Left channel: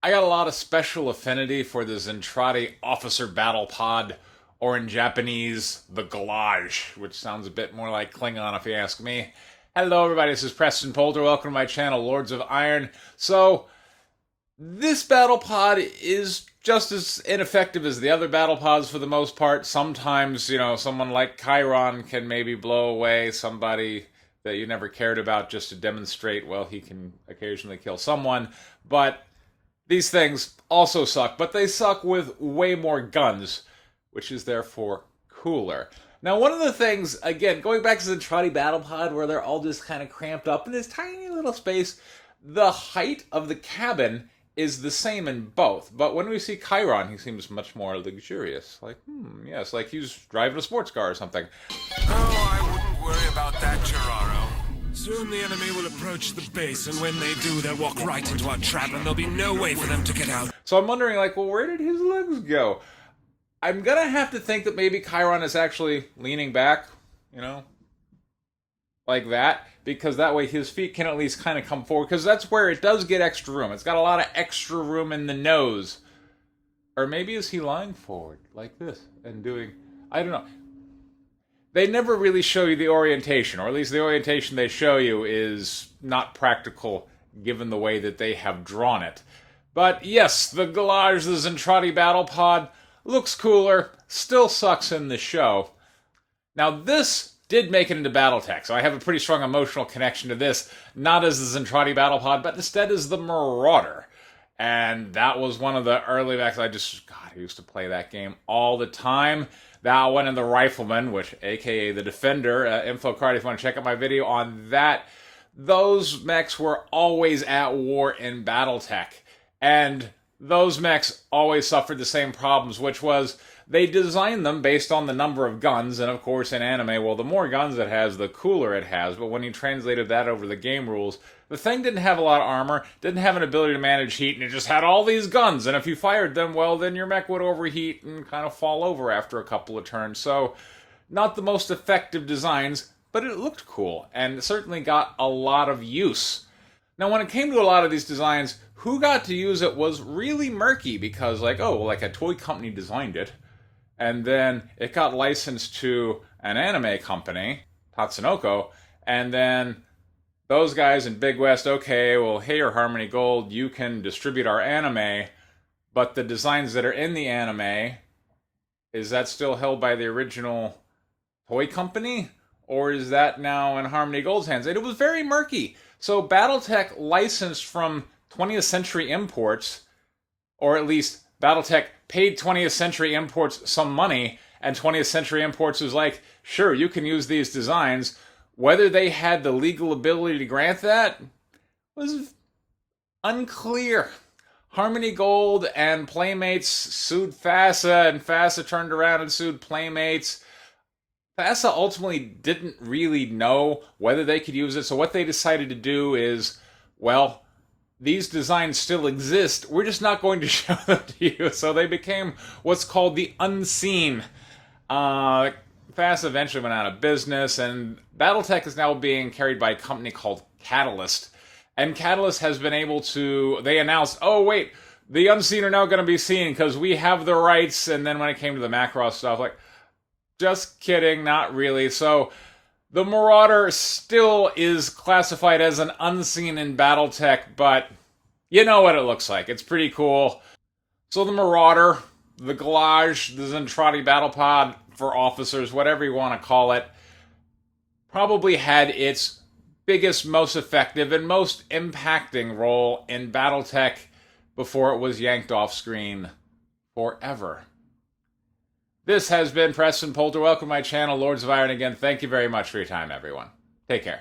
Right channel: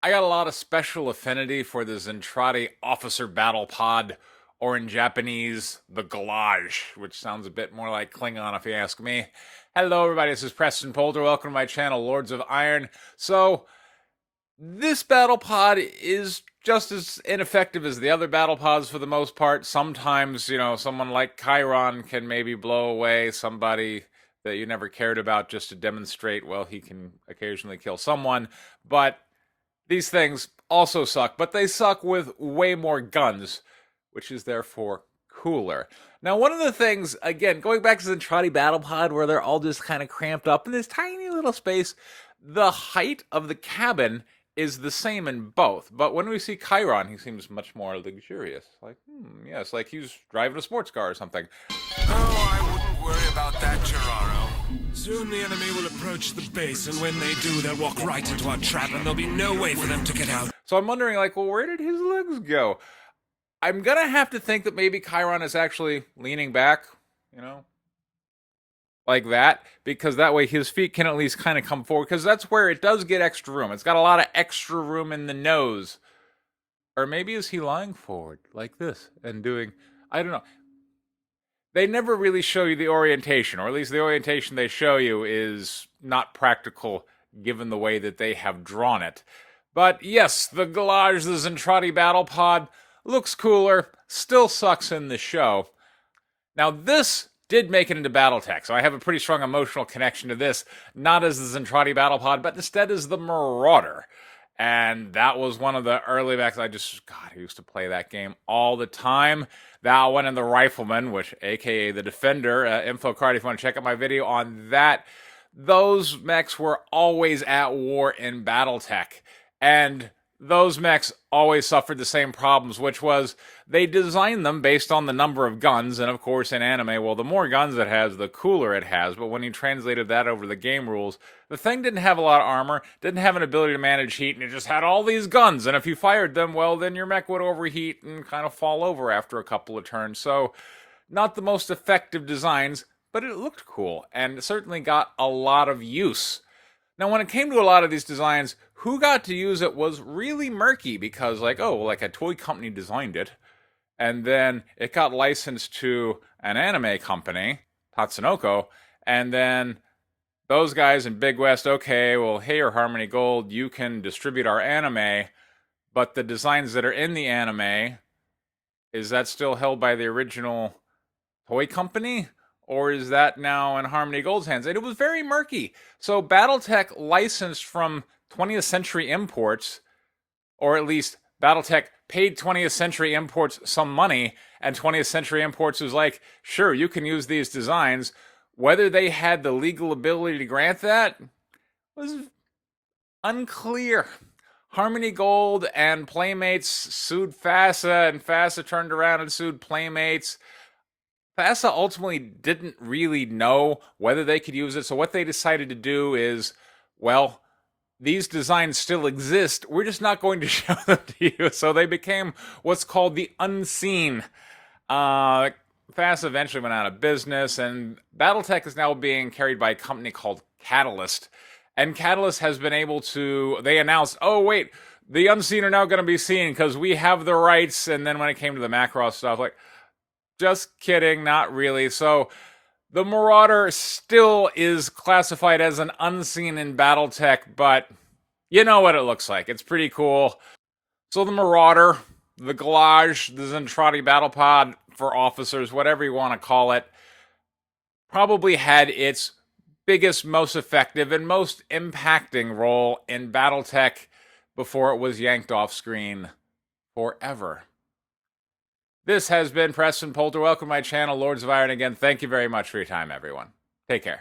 I got a lot of special affinity for the Zentraedi Officer Battle Pod, or in Japanese, the Glaug, which sounds a bit more like Klingon if you ask me. Hello, everybody. This is Preston Polter. Welcome to my channel, Lords of Iron. So, this battle pod is just as ineffective as the other battle pods for the most part. Sometimes, someone like Chiron can maybe blow away somebody that you never cared about just to demonstrate, well, he can occasionally kill someone. But these things also suck, but they suck with way more guns, which is therefore cooler. Now, one of the things, again, going back to the Zentraedi Battle Pod, where they're all just kind of cramped up in this tiny little space, the height of the cabin is the same in both. But when we see Chiron, he seems much more luxurious. Like, yes, like he's driving a sports car or something. Oh, I wouldn't worry about that, Gerardo. Soon the enemy will approach the base, and when they do, they'll walk right into our trap, and there'll be no way for them to get out. So I'm wondering, well, where did his legs go? I'm gonna have to think that maybe Chiron is actually leaning back, like that, because that way his feet can at least kind of come forward, because that's where it does get extra room. It's got a lot of extra room in the nose. Or maybe is he lying forward, like this, and doing, I don't know. They never really show you the orientation, or at least the orientation they show you is not practical given the way that they have drawn it. But yes, the Glaug, the Zentraedi Battle Pod, looks cooler, still sucks in the show. Now this did make it into Battletech, so I have a pretty strong emotional connection to this, not as the Zentraedi Battle Pod, but instead as the Marauder. And that was one of the early backs. I used to play that game all the time. That one and the Rifleman, which, aka the Defender, info card if you want to check out my video on that. Those mechs were always at war in Battletech. And those mechs always suffered the same problems, which was they designed them based on the number of guns, and of course in anime, well, the more guns it has, the cooler it has, but when you translated that over the game rules, the thing didn't have a lot of armor, didn't have an ability to manage heat, and it just had all these guns, and if you fired them, well, then your mech would overheat and kind of fall over after a couple of turns, so not the most effective designs, but it looked cool, and certainly got a lot of use. Now, when it came to a lot of these designs, who got to use it was really murky, because a toy company designed it, and then it got licensed to an anime company, Tatsunoko, and then those guys in Big West, okay, well, hey, Harmony Gold, you can distribute our anime, but the designs that are in the anime, is that still held by the original toy company? Or is that now in Harmony Gold's hands? And it was very murky. So Battletech licensed from 20th Century Imports, or at least Battletech paid 20th Century Imports some money, and 20th Century Imports was like, sure, you can use these designs. Whether they had the legal ability to grant that was unclear. Harmony Gold and Playmates sued FASA, and FASA turned around and sued Playmates. FASA ultimately didn't really know whether they could use it, so what they decided to do is, well, these designs still exist, we're just not going to show them to you. So they became what's called the unseen. FASA eventually went out of business, and Battletech is now being carried by a company called Catalyst. And Catalyst has been able to, they announced, oh wait, the unseen are now going to be seen because we have the rights. And then when it came to the Macross stuff, just kidding, not really. So the Marauder still is classified as an unseen in Battletech, but you know what it looks like. It's pretty cool. So the Marauder, the Glaug, the Zentraedi Battle Pod for officers, whatever you want to call it, probably had its biggest, most effective, and most impacting role in Battletech before it was yanked off screen forever. This has been Preston Polter. Welcome to my channel, Lords of Iron. Again, thank you very much for your time, everyone. Take care.